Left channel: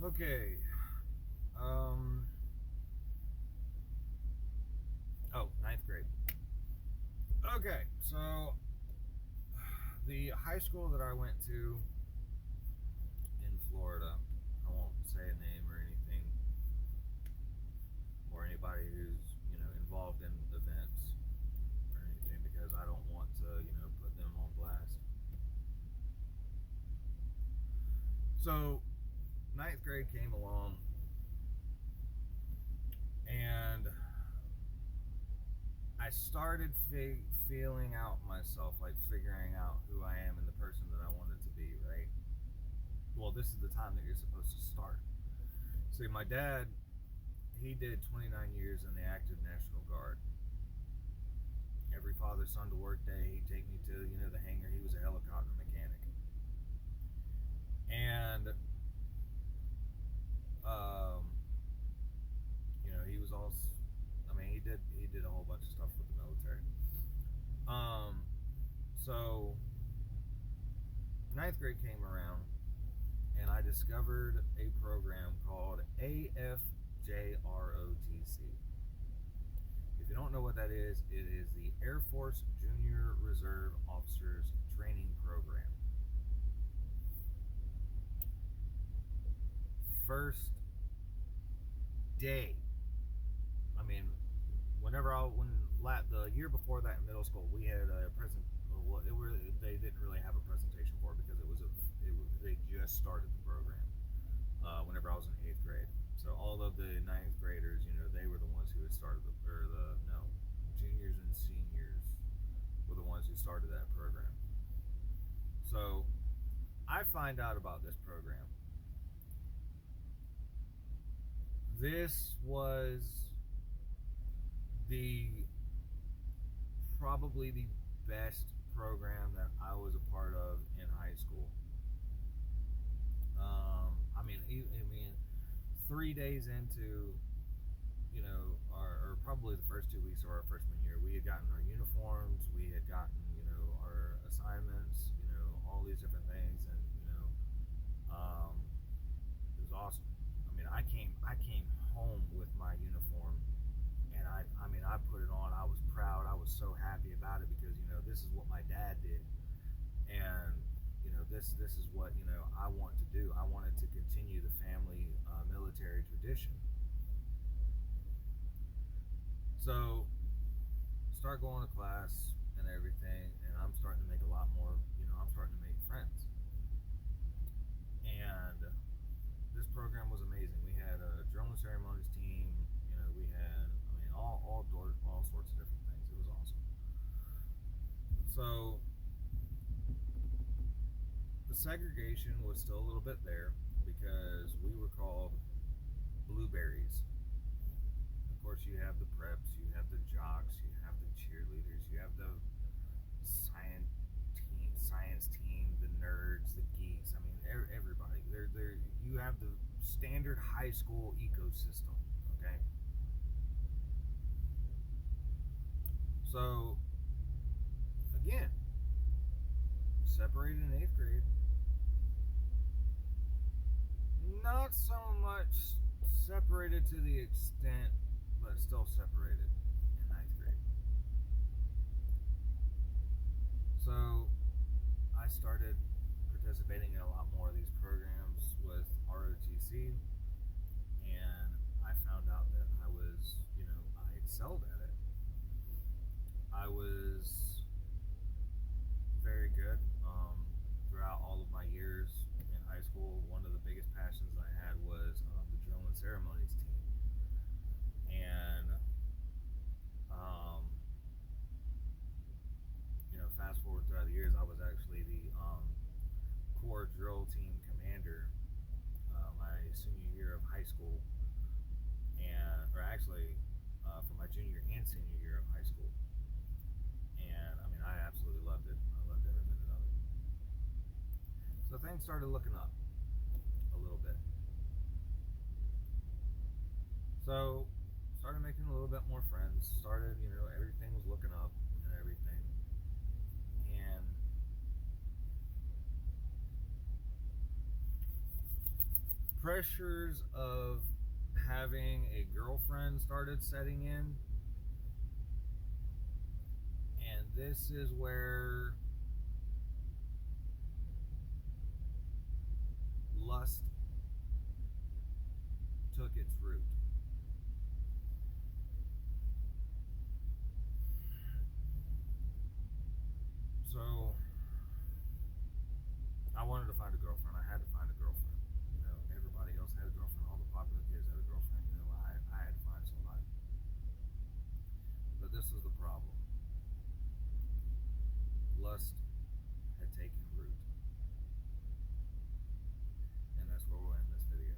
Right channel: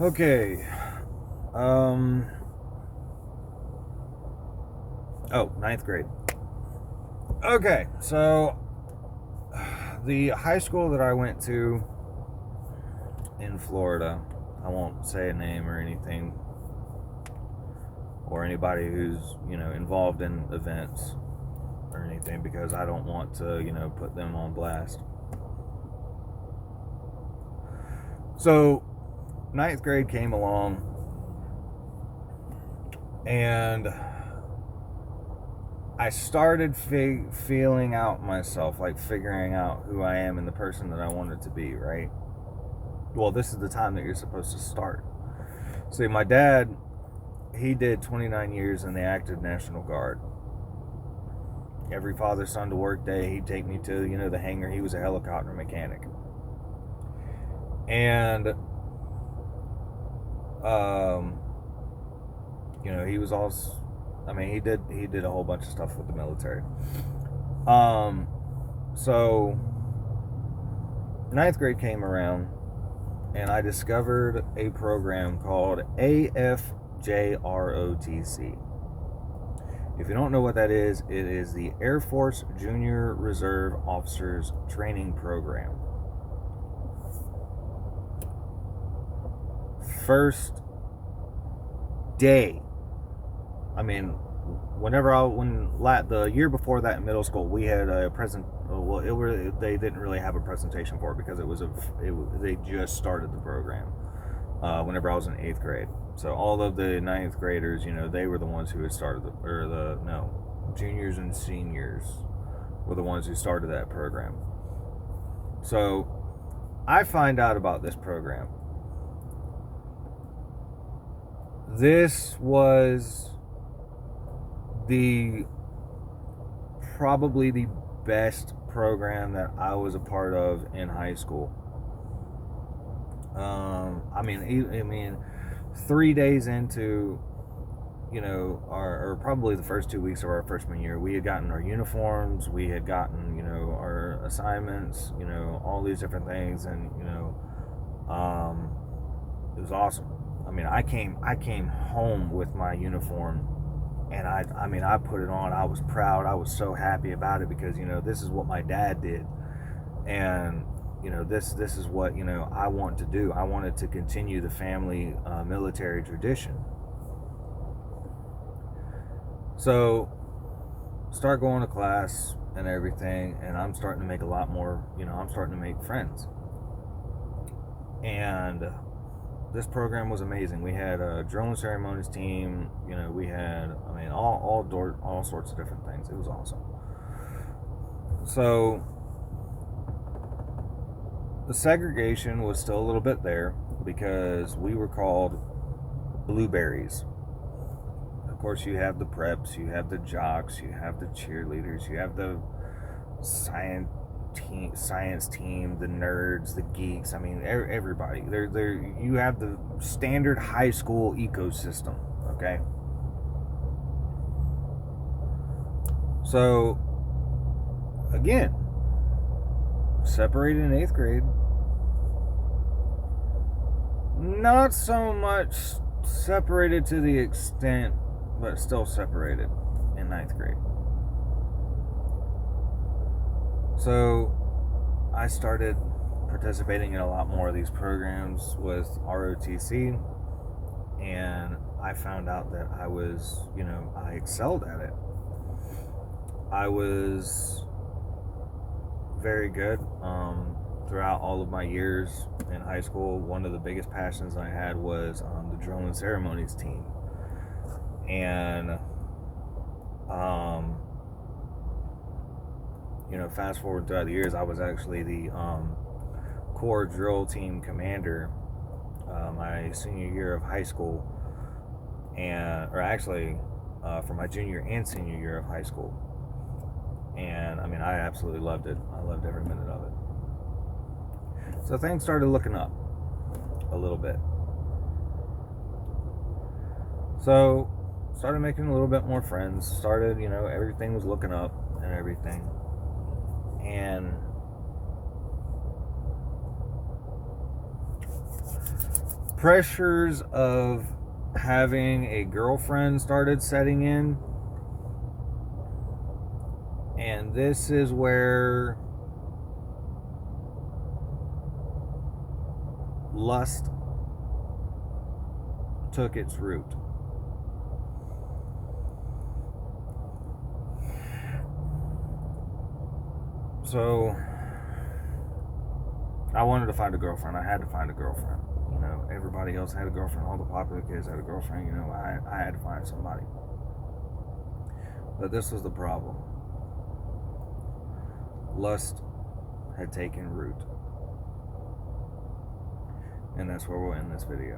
Okay. Um. Oh, ninth grade. Okay, so the high school that I went to in Florida, I won't say a name or anything, or anybody who's involved in events or anything, because I don't want to put them on blast. So ninth grade came along, and I started feeling out myself, like figuring out who I am and the person that I wanted to be, right? Well, this is the time that you're supposed to start. See, my dad, he did 29 years in the active National Guard. Every father son to work day, he'd take me to the hangar. He was a helicopter mechanic, and um, he was also, I mean, he did a whole bunch of stuff with the military. So ninth grade came around, and I discovered a program called AFJROTC. If you don't know what that is, it is the Air Force Junior Reserve Officers Training Program. First day, I mean, the year before that in middle school, we had a present. Well, they didn't really have a presentation for it because they just started the program. Whenever I was in eighth grade, so all of the ninth graders, they were the ones who had started juniors and seniors were the ones who started that program. So I find out about this program. This was the probably the best program that I was a part of in high school. I mean, 3 days into or probably the first 2 weeks of our freshman year, we had gotten our uniforms, we had gotten our assignments, all these different things, and it was awesome. I mean, I came home with my uniform, and I put it on. I was proud. I was so happy about it because this is what my dad did, and this is what I want to do. I wanted to continue the family military tradition. So start going to class and everything, and I'm starting to make a lot more. I'm starting to make friends, and this program was amazing. We had a drill and ceremonies team. We had, all sorts of different things. It was awesome. So the segregation was still a little bit there because we were called blueberries. Of course, you have the preps, you have the jocks, you have the cheerleaders, you have the science team, the nerds, the geeks. I mean, everybody. You have the standard high school ecosystem. Okay. So again, separated in eighth grade. Not so much separated to the extent, but still separated in ninth grade. So I started participating in a lot more of these programs with ROTC, and I found out that I excelled at it. I was very good throughout all of my years in high school. One of the biggest passions I had was the drill and ceremonies team, and fast forward throughout the years, I was actually the core drill team commander my senior year of high school, for my junior and senior year of high school. And I absolutely loved it. I loved every minute of it. So things started looking up a little bit. So started making a little bit more friends. Started, everything was looking up and everything. And pressures of having a girlfriend started setting in. And this is where lust took its root. So I wanted to find a girlfriend. I had to find a girlfriend. You know, everybody else had a girlfriend. All the popular kids had a girlfriend. You know, I had to find somebody. But this was the problem. Lust had taken root. And that's where we'll end this video.